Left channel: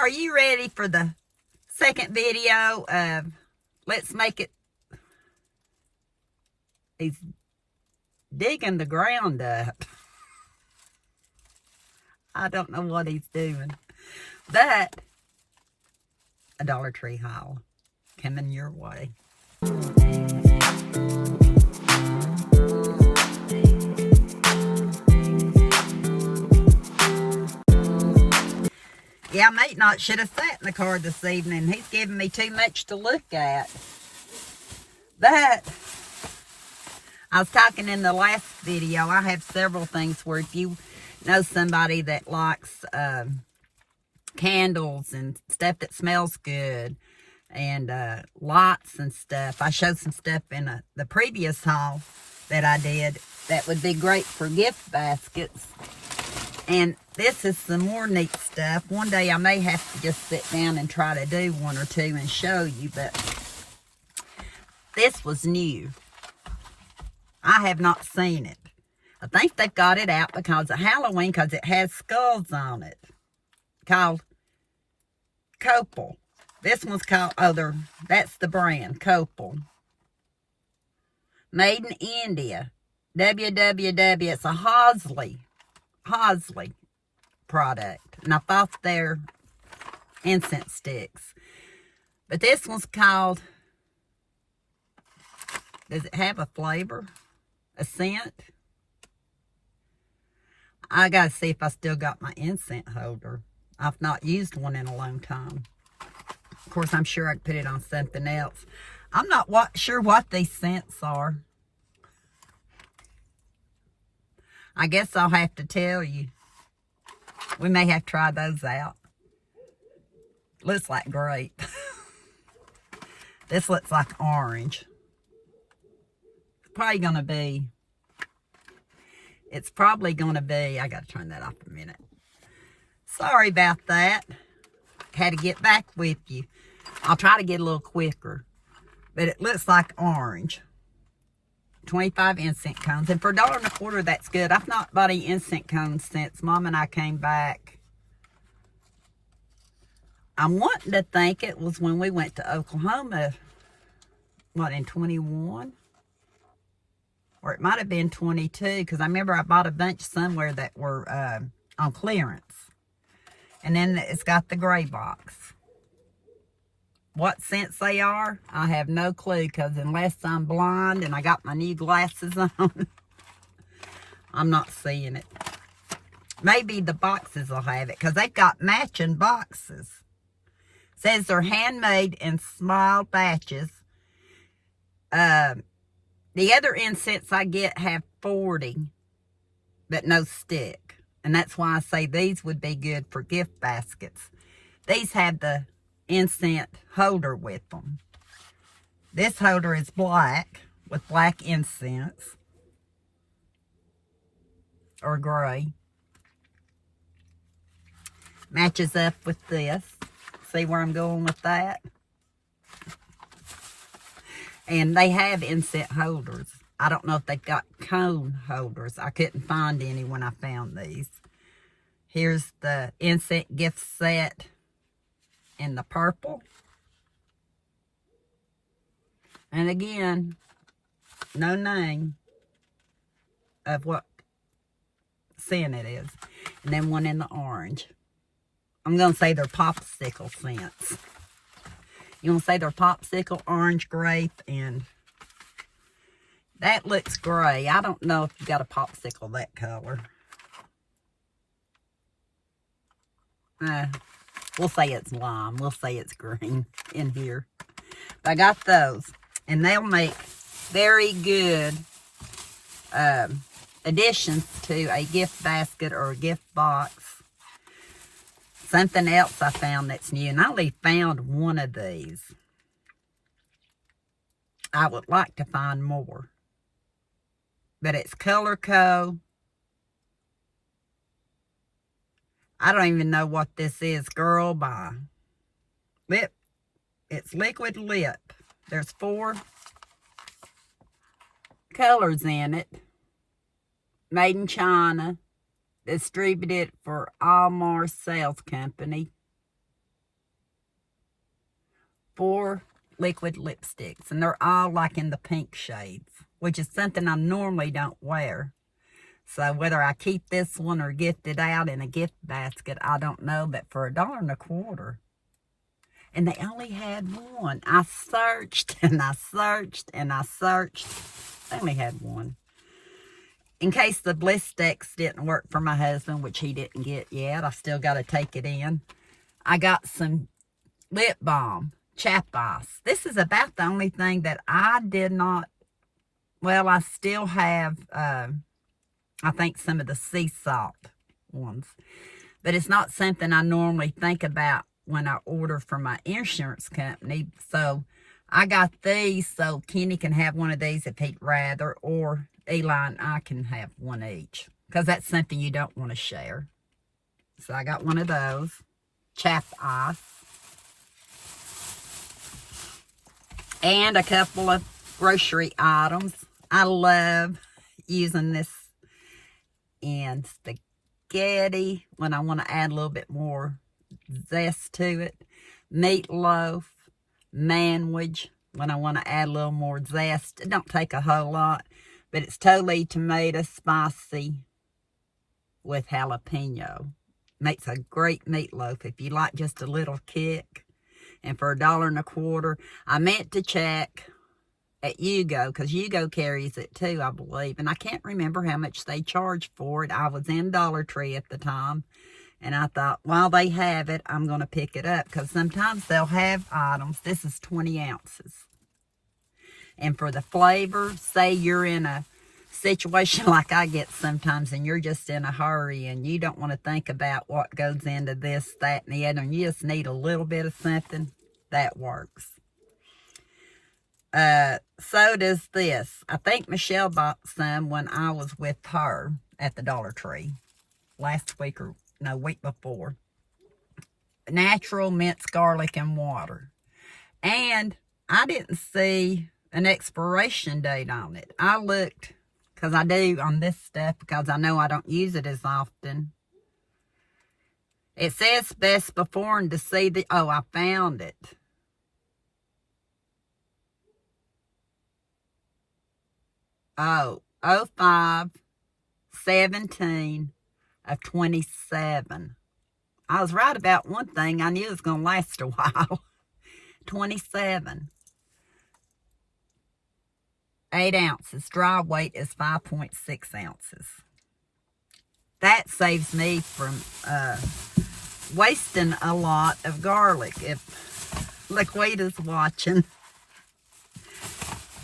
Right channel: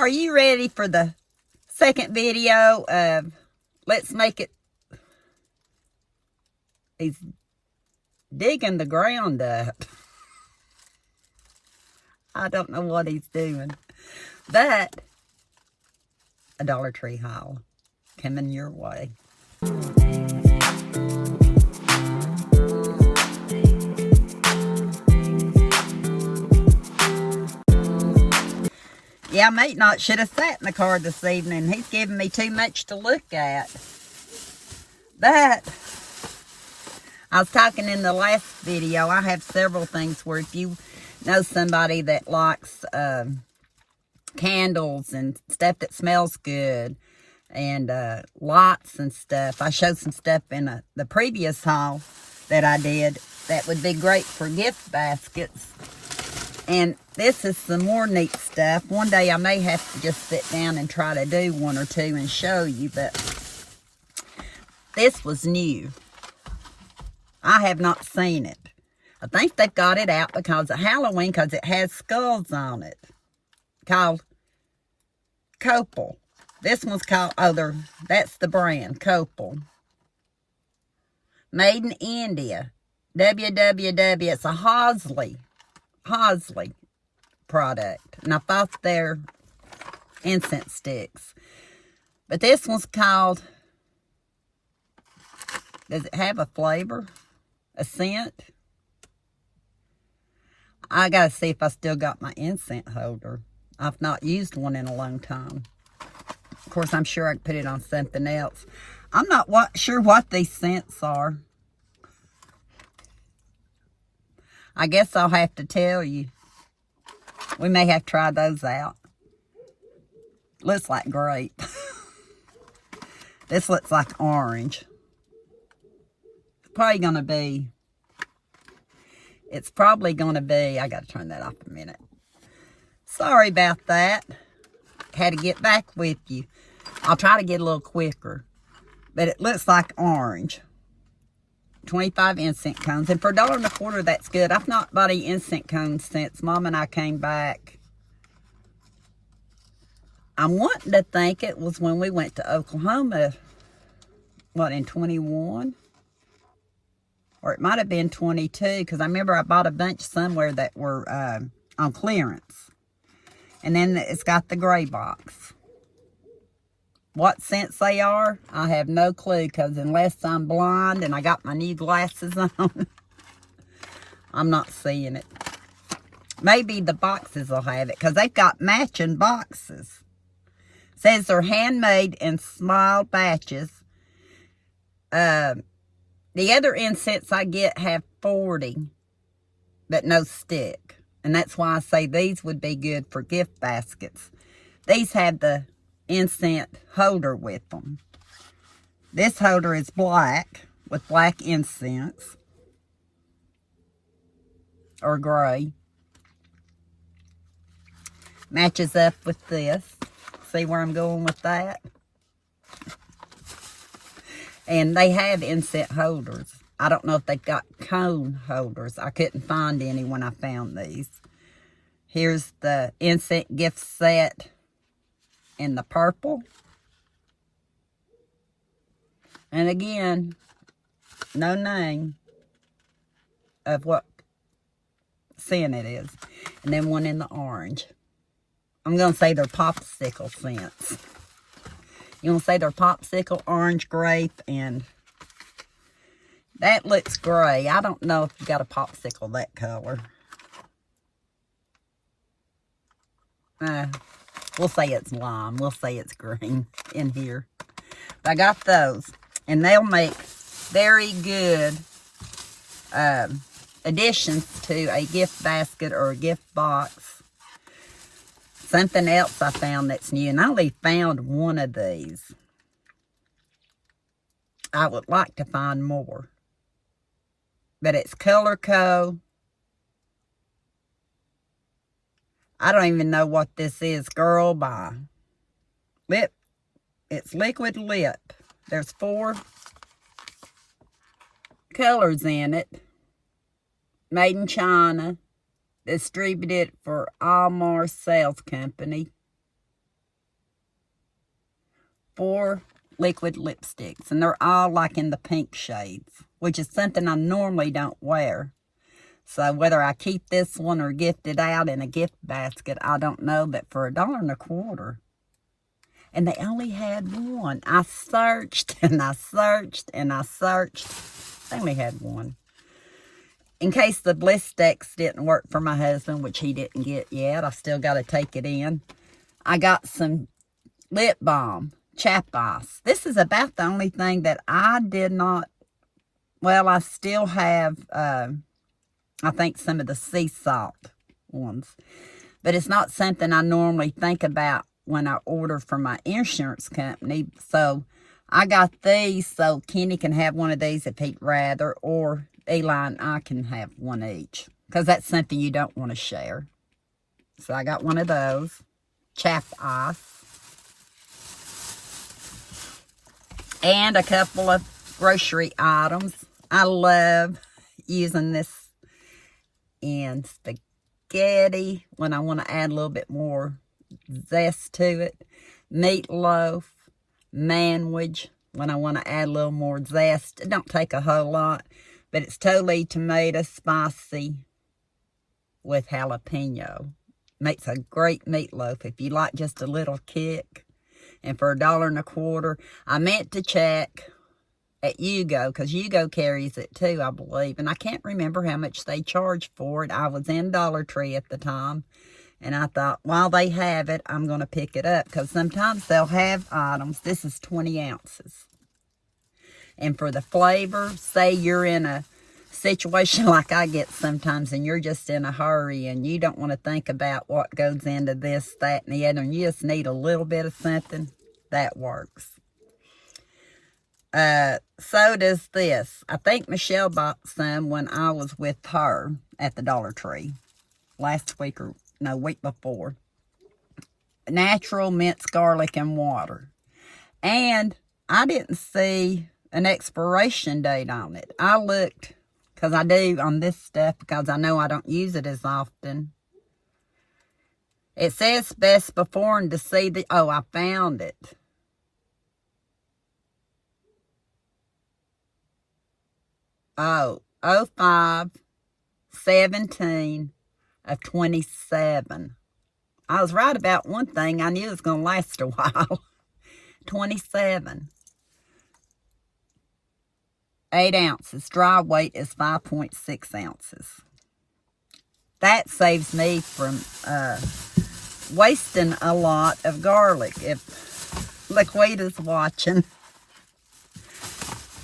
Are you ready for the second video of Let's Make It? He's digging the ground up. I don't know what he's doing. But a Dollar Tree haul coming your way. Yeah, mate not should have sat in the car this evening. He's giving me too much to look at. But I was talking in the last video, I have several things where if you know somebody that likes candles and stuff that smells good and lights and stuff. I showed some stuff in the previous haul that I did that would be great for gift baskets. And this is some more neat stuff. One day I may have to just sit down and try to do one or two and show you, but this was new. I have not seen it. I think they've got it out because of Halloween, because it has skulls on it. Called Copal. This one's called, that's the brand, Copal. Made in India. www. It's a Hosley product. And I thought they're incense sticks. But this one's called, does it have a flavor? A scent? I gotta see if I still got my incense holder. I've not used one in a long time. Of course, I'm sure I could put it on something else. I'm not sure what these scents are. I guess I'll have to tell you. We may have to try those out. Looks like grape. This looks like orange. It's probably gonna be, I gotta turn that off a minute. Sorry about that. Had to get back with you. I'll try to get a little quicker. But it looks like orange. 25 incense cones. And for $1.25, that's good. I've not bought any incense cones since Mom and I came back. I'm wanting to think it was when we went to Oklahoma. What, in 21? Or it might have been 22. Because I remember I bought a bunch somewhere that were on clearance. And then it's got the gray box. What scents they are, I have no clue, because unless I'm blind and I got my new glasses on, I'm not seeing it. Maybe the boxes will have it, because they've got matching boxes. It says they're handmade in small batches. The other incense I get have 40, but no stick. And that's why I say these would be good for gift baskets. These have the incense holder with them. This holder is black with black incense. Or gray. Matches up with this. See where I'm going with that? And they have incense holders. I don't know if they've got cone holders. I couldn't find any when I found these. Here's the incense gift set in the purple. And again, no name of what scent it is. And then one in the orange. I'm going to say they're popsicle scents. You want to say they're popsicle, orange, grape, and that looks gray. I don't know if you got a popsicle that color. We'll say it's lime. We'll say it's green in here. But I got those. And they'll make very good additions to a gift basket or a gift box. Something else I found that's new. And I only found one of these. I would like to find more. But it's Color Co. I don't even know what this is. Girl by Lip. It's liquid lip. There's 4 colors in it. Made in China. Distributed for Almar Sales Company. 4 liquid lipsticks, and they're all like in the pink shades, which is something I normally don't wear. So whether I keep this one or gift it out in a gift basket, I don't know, but for $1.25. And they only had one. I searched and I searched and I searched. They only had one. In case the Blistex didn't work for my husband, which he didn't get yet, I still got to take it in. I got some lip balm, chap ice. This is about the only thing that I did not, well, I still have, I think some of the sea salt ones. But it's not something I normally think about when I order from my insurance company. So I got these so Kenny can have one of these if he'd rather, or Eli and I can have one each, because that's something you don't want to share. So I got one of those. Chap ice. And a couple of grocery items. I love using this in spaghetti when I want to add a little bit more zest to it. Meatloaf, manwich when I want to add a little more zest. It don't take a whole lot, but it's totally tomato spicy with jalapeno. Makes a great meatloaf if you like just a little kick. And for $1.25, I meant to check at Yugo, because Yugo carries it too, I believe. And I can't remember how much they charge for it. I was in Dollar Tree at the time. And I thought, while they have it, I'm going to pick it up. Because sometimes they'll have items. This is 20 ounces. And for the flavor, say you're in a situation like I get sometimes, and you're just in a hurry, and you don't want to think about what goes into this, that, and the other, and you just need a little bit of something, that works. So does this. I think Michelle bought some when I was with her at the Dollar Tree last week, or no, week before. Natural minced garlic and water. And I didn't see an expiration date on it. I looked, because I do on this stuff, because I know I don't use it as often. It says best before and to see the, oh, I found it. Oh, 05/17 of 27. I was right about one thing. I knew it was going to last a while. 27. 8 ounces. Dry weight is 5.6 ounces. That saves me from wasting a lot of garlic. If Laquita's watching,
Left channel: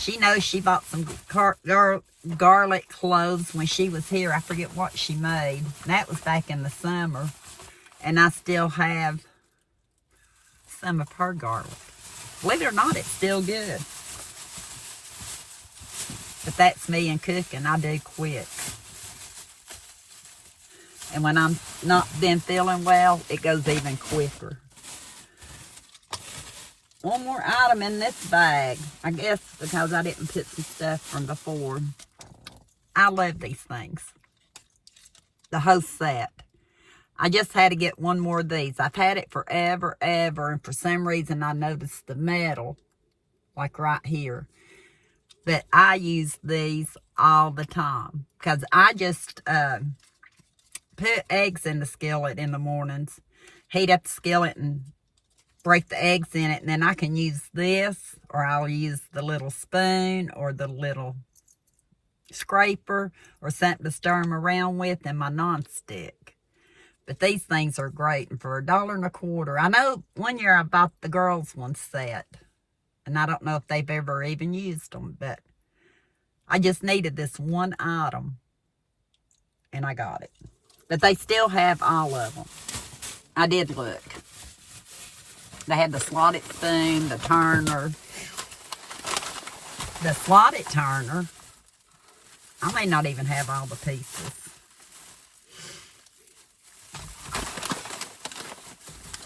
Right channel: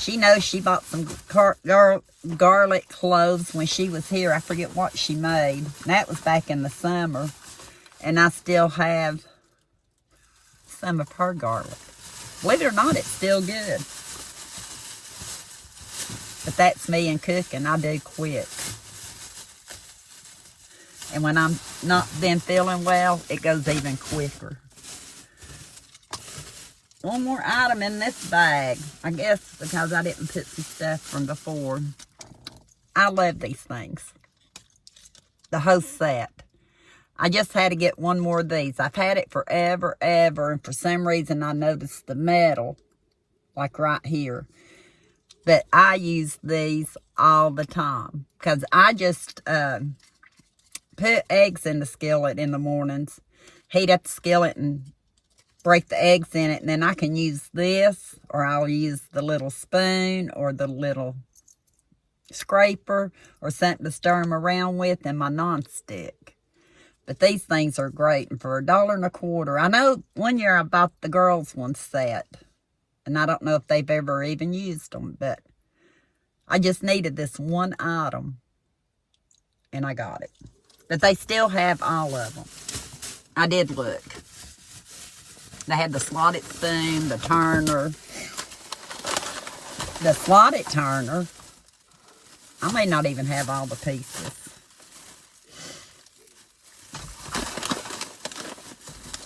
she knows she bought some garlic cloves when she was here. I forget what she made. That was back in the summer. And I still have some of her garlic. Believe it or not, it's still good. But that's me and cooking. I do quick. And when I'm not been feeling well, it goes even quicker. One more item in this bag. I guess because I didn't put some stuff from before. I love these things. The whole set. I just had to get one more of these. I've had it forever, ever. And for some reason, I noticed the metal. Like right here. But I use these all the time. Because I just put eggs in the skillet in the mornings. Heat up the skillet and break the eggs in it, and then I can use this, or I'll use the little spoon or the little scraper or something to stir them around with in my nonstick. But these things are great, and for $1.25. I know one year I bought the girls one set, and I don't know if they've ever even used them, but I just needed this one item, and I got it. But they still have all of them. I did look. They had the slotted spoon, the turner. The slotted turner, I may not even have all the pieces.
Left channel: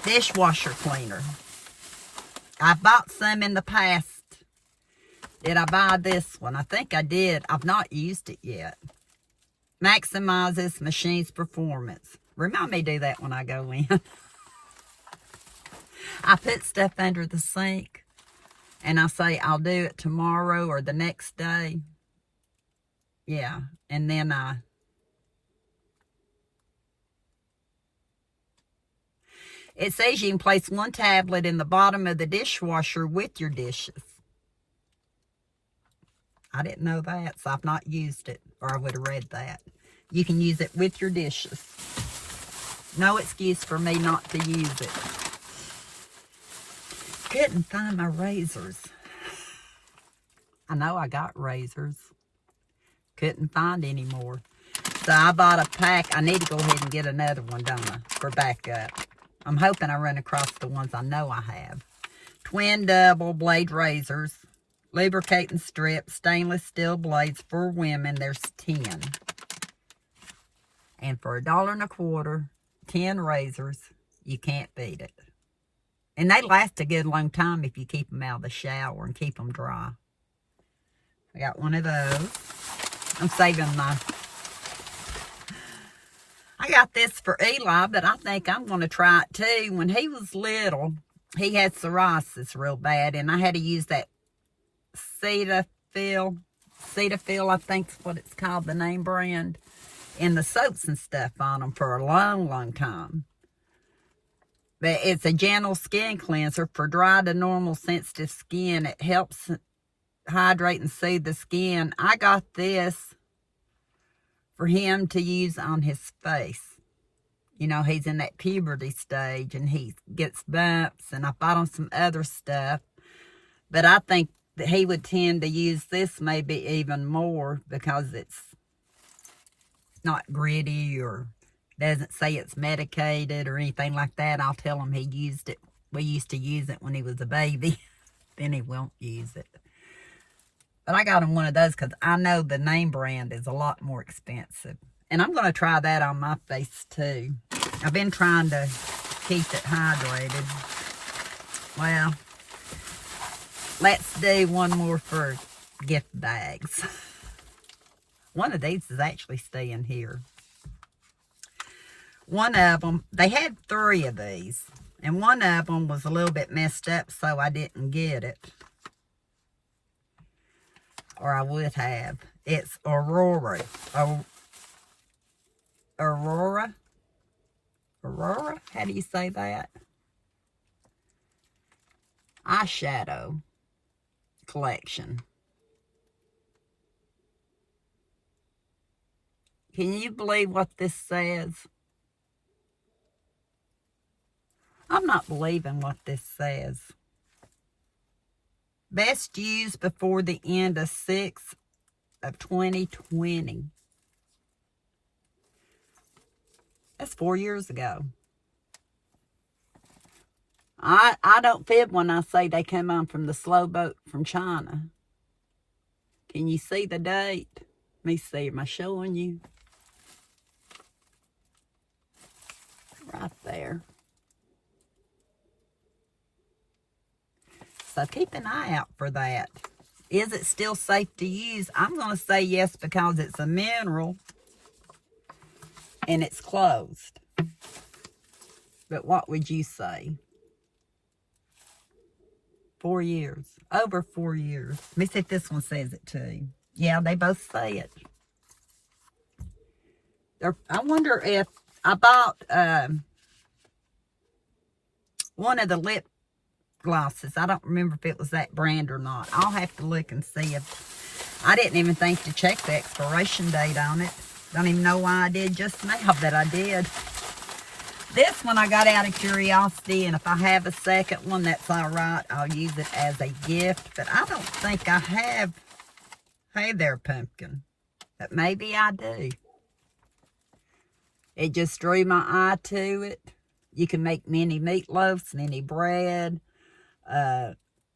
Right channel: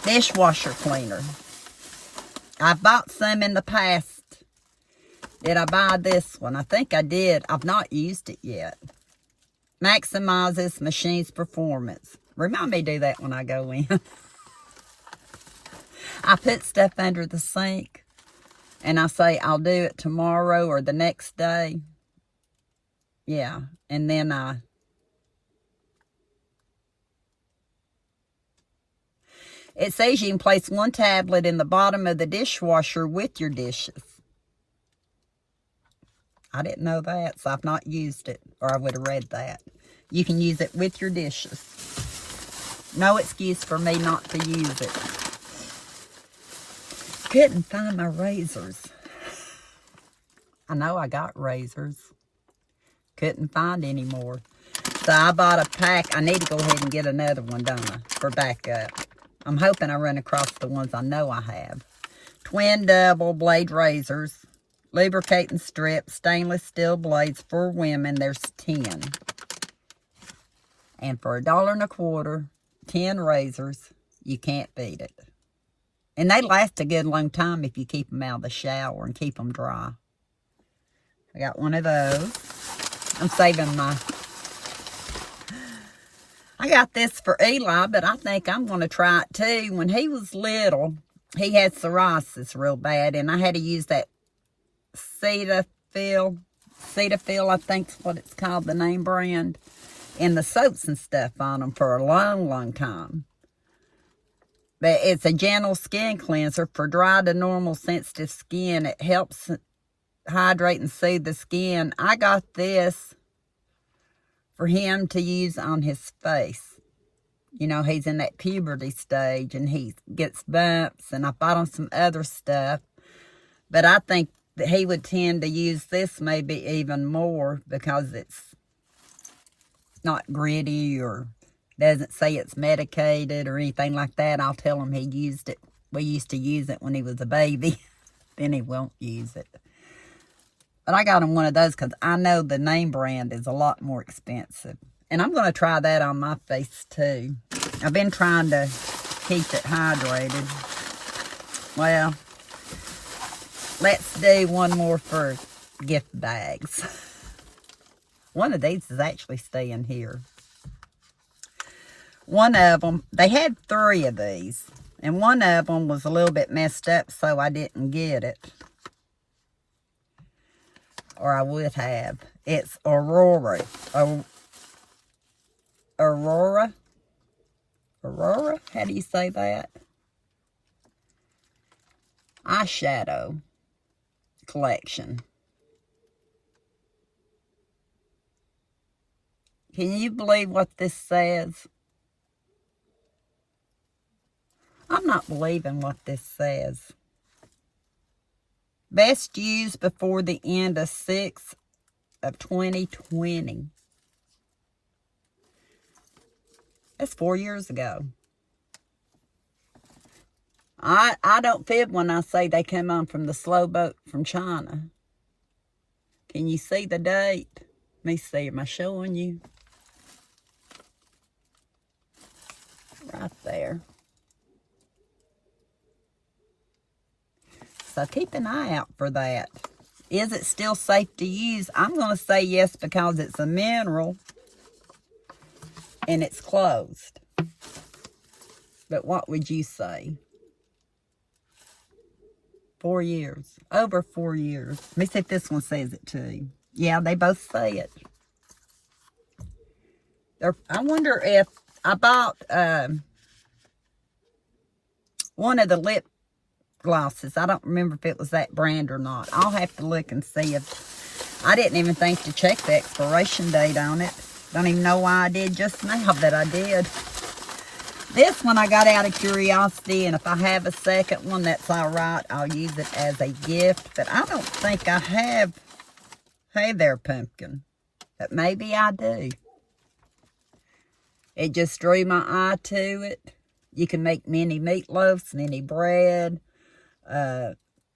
Dishwasher cleaner. I bought some in the past. Did I buy this one? I think I did. I've not used it yet. Maximizes machine's performance. Remind me to do that when I go in. I put stuff under the sink, and I say I'll do it tomorrow or the next day. Yeah, and then it says you can place one tablet in the bottom of the dishwasher with your dishes. I didn't know that, so I've not used it, or I would have read that. You can use it with your dishes. No excuse for me not to use it. Couldn't find my razors. I know I got razors. Couldn't find any more. So I bought a pack. I need to go ahead and get another one, don't I, for backup. I'm hoping I run across the ones I know I have. Twin double blade razors. Lubricating strips. Stainless steel blades for women. There's 10. And for $1.25, 10 razors. You can't beat it. And they last a good long time if you keep them out of the shower and keep them dry. I got one of those. I'm saving my... I got this for Eli, but I think I'm going to try it too. When he was little, he had psoriasis real bad, and I had to use that Cetaphil, I think's what it's called, the name brand, and the soaps and stuff on them for a long, long time. But it's a gentle skin cleanser for dry to normal sensitive skin. It helps hydrate and soothe the skin. I got this for him to use on his face. You know, he's in that puberty stage and he gets bumps, and I bought him some other stuff. But I think that he would tend to use this maybe even more because it's not gritty or doesn't say it's medicated or anything like that. I'll tell him he used it. We used to use it when he was a baby. Then he won't use it. But I got him one of those because I know the name brand is a lot more expensive. And I'm going to try that on my face too. I've been trying to keep it hydrated. Well, let's do one more for gift bags. One of these is actually staying here. One of them, they had 3 of these. And one of them was a little bit messed up, so I didn't get it. Or I would have. It's Aurora. Aurora? How do you say that? Eyeshadow collection. Can you believe what this says? I'm not believing what this says. Best used before the end of 6 of 2020. That's 4 years ago. I don't fib when I say they came on from the slow boat from China. Can you see the date? Let me see. Am I showing you? Right there. So keep an eye out for that. Is it still safe to use? I'm going to say yes because it's a mineral and it's closed. But what would you say? 4 years. Over 4 years. Let me see if this one says it too. Yeah, they both say it. I wonder if I bought one of the lip glosses. I don't remember if it was that brand or not. I'll have to look and see if... I didn't even think to check the expiration date on it. Don't even know why I did just now, but I did. This one I got out of curiosity, and if I have a second one, that's all right. I'll use it as a gift, but I don't think I have... Hey there, pumpkin. But maybe I do. It just drew my eye to it. You can make mini meatloafs, mini bread,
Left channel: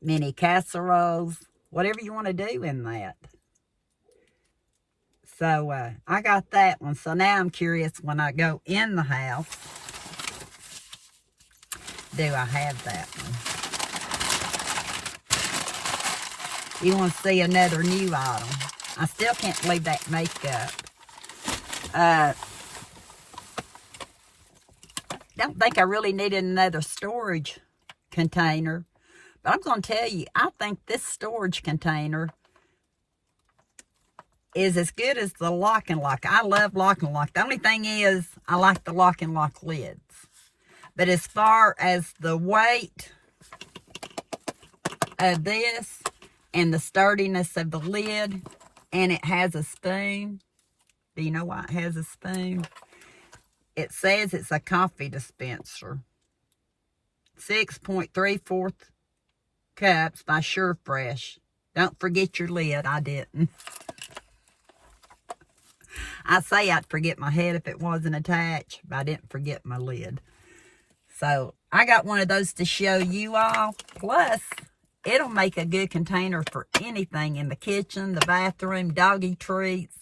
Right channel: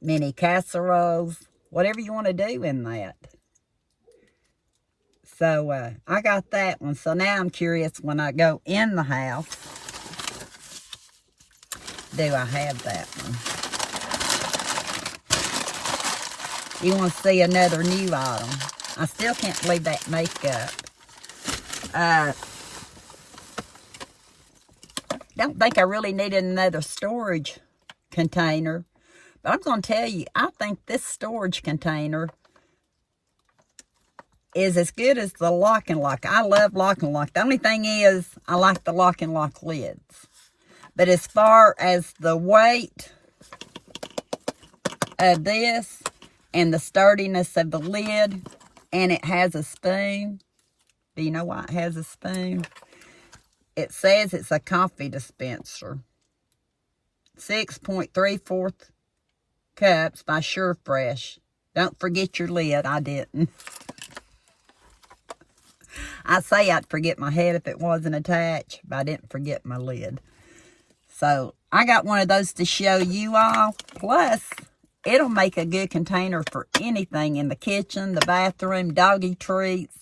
mini casseroles, whatever you want to do in that. So I got that one. So now I'm curious when I go in the house, do I have that one? You want to see another new item? I still can't believe that makeup. Don't think I really needed another storage container. But I'm going to tell you, I think this storage container is as good as the lock and lock. I love lock and lock. The only thing is, I like the lock and lock lids. But as far as the weight of this and the sturdiness of the lid, and it has a spoon. Do you know why it has a spoon? It says it's a coffee dispenser. 6.34 cups by SureFresh. Don't forget your lid. I didn't. I say I'd forget my head if it wasn't attached, but I didn't forget my lid. So I got one of those to show you all. Plus, it'll make a good container for anything in the kitchen, the bathroom, doggy treats,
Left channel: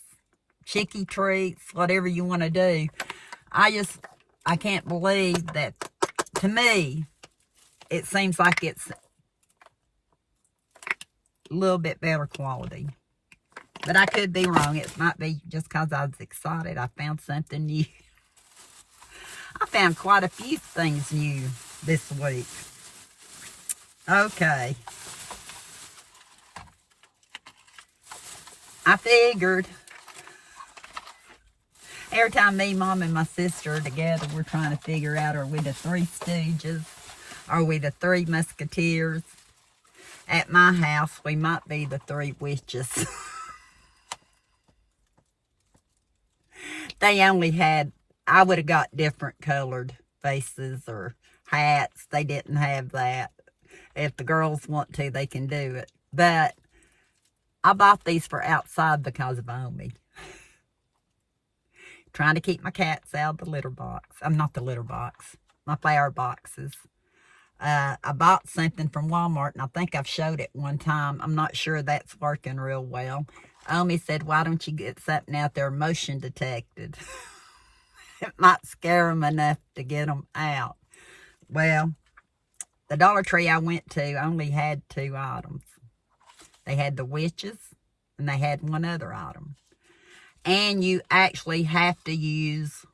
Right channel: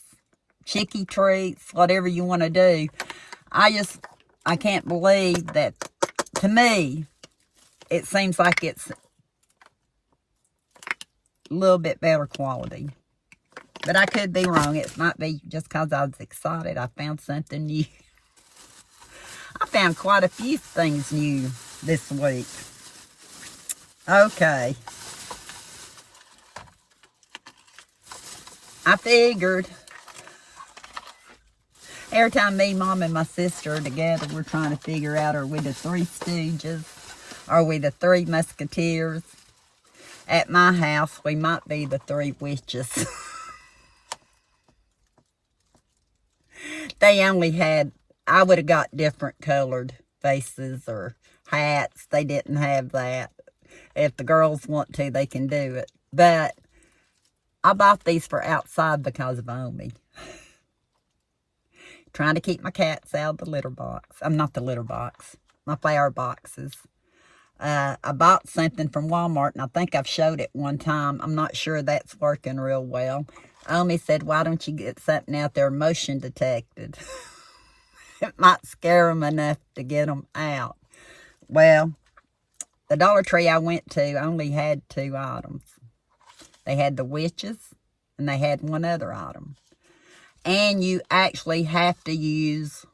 chickie treats, whatever you want to do. I can't believe that, to me, it seems like it's a little bit better quality. But I could be wrong. It might be just because I was excited. I found something new. I found quite a few things new this week. Okay. I figured every time me, Mom, and my sister are together, we're trying to figure out, are we the Three Stooges? Are we the Three Musketeers? At my house, we might be the Three Witches. They only had, I would have got different colored faces or hats. They didn't have that. If the girls want to, they can do it. But I bought these for outside because of Omi. Trying to keep my cats out of the litter box. I'm not the litter box. My flower boxes. I bought something from Walmart, and I think I've showed it one time. I'm not sure that's working real well. Omi said, why don't you get something out there motion detected? It might scare them enough to get them out. Well, the Dollar Tree I went to only had 2 items. They had the witches, and they had one other item. And you actually have to use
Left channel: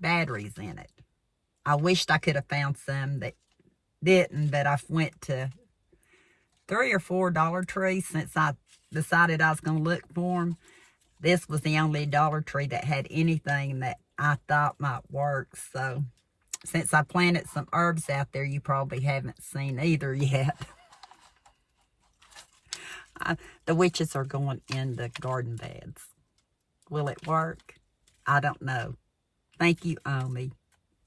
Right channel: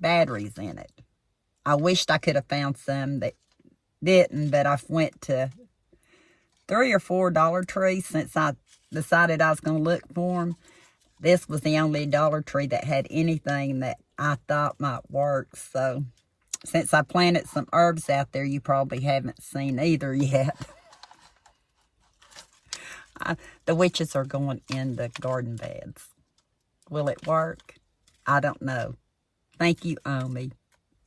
batteries in it. I wished I could have found some that didn't, but I went to 3 or 4 Dollar Trees since I decided I was going to look for them. This was the only Dollar Tree that had anything that I thought might work. So, since I planted some herbs out there, you probably haven't seen either yet. The witches are going in the garden beds. Will it work? I don't know. Thank you, Omi.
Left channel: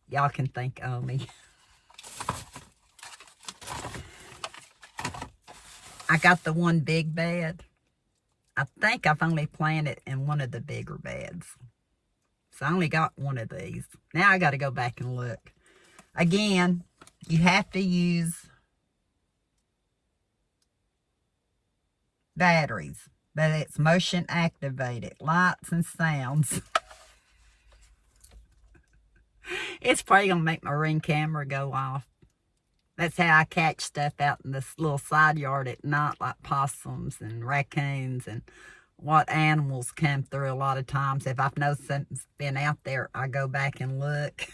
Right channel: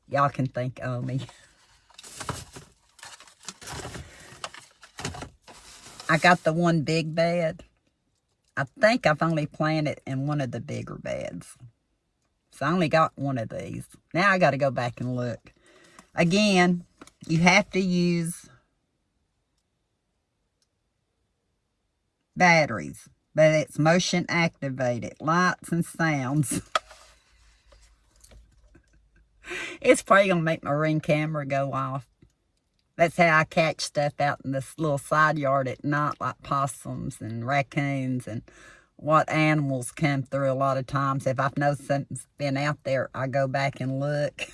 Y'all can thank Omi. I got the one big bed. I think I've only planted in one of the bigger beds. So I only got one of these. Now I got to go back and look. Again, you have to use batteries, but it's motion activated, lights and sounds. It's probably going to make my Ring camera go off. That's how I catch stuff out in this little side yard at night, like possums and raccoons and what animals come through a lot of times. If I've noticed something's been out there, I go back and look.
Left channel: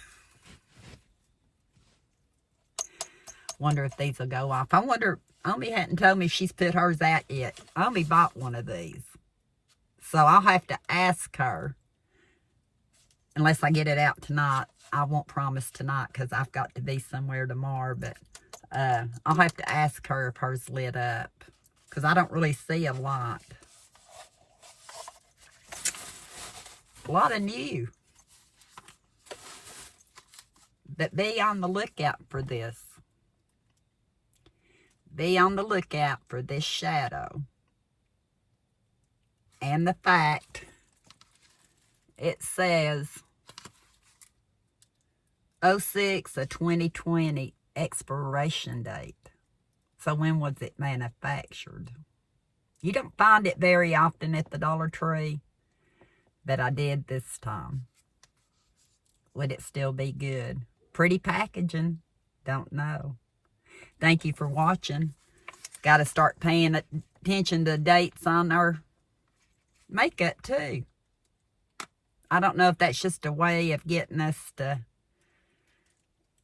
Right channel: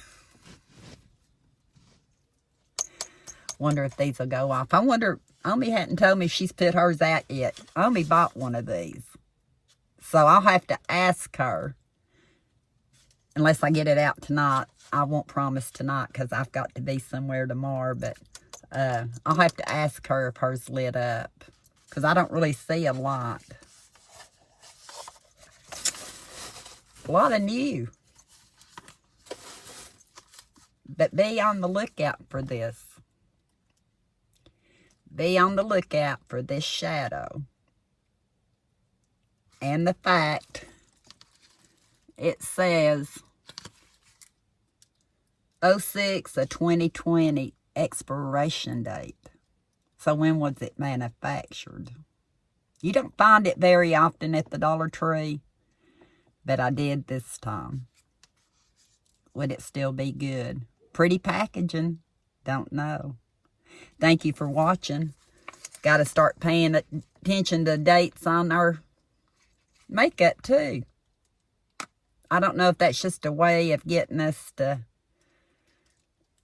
Wonder if these will go off. I wonder, Omi hadn't told me she's put hers out yet. Omi bought one of these. So I'll have to ask her. Unless I get it out tonight. I won't promise tonight because I've got to be somewhere tomorrow. But I'll have to ask her if hers lit up. Because I don't really see a lot. A lot of new. But be on the lookout for this. Be on the lookout for this shadow. And the fact it says 06 of 2020 expiration date. So when was it manufactured? You don't find it very often at the Dollar Tree, but I did this time. Would it still be good? Pretty packaging. Don't know. Thank you for watching. Got to start paying attention to dates on our makeup too. I don't know if that's just a way of getting us to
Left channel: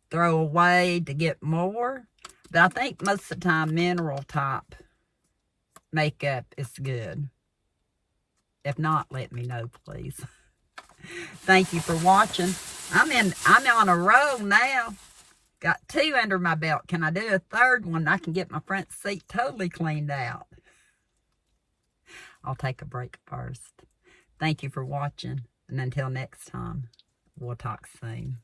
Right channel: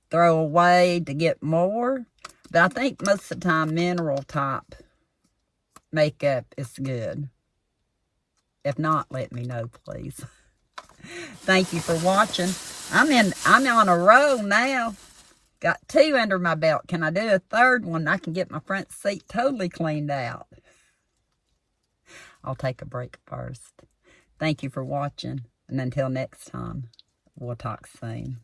throw away to get more. But I think most of the time mineral type makeup is good. If not, let me know, please. Thank you for watching. I'm on a roll now. Got 2 under my belt. Can I do a 3rd one? I can get my front seat totally cleaned out. I'll take a break first. Thank you for watching. And until next time, we'll talk soon.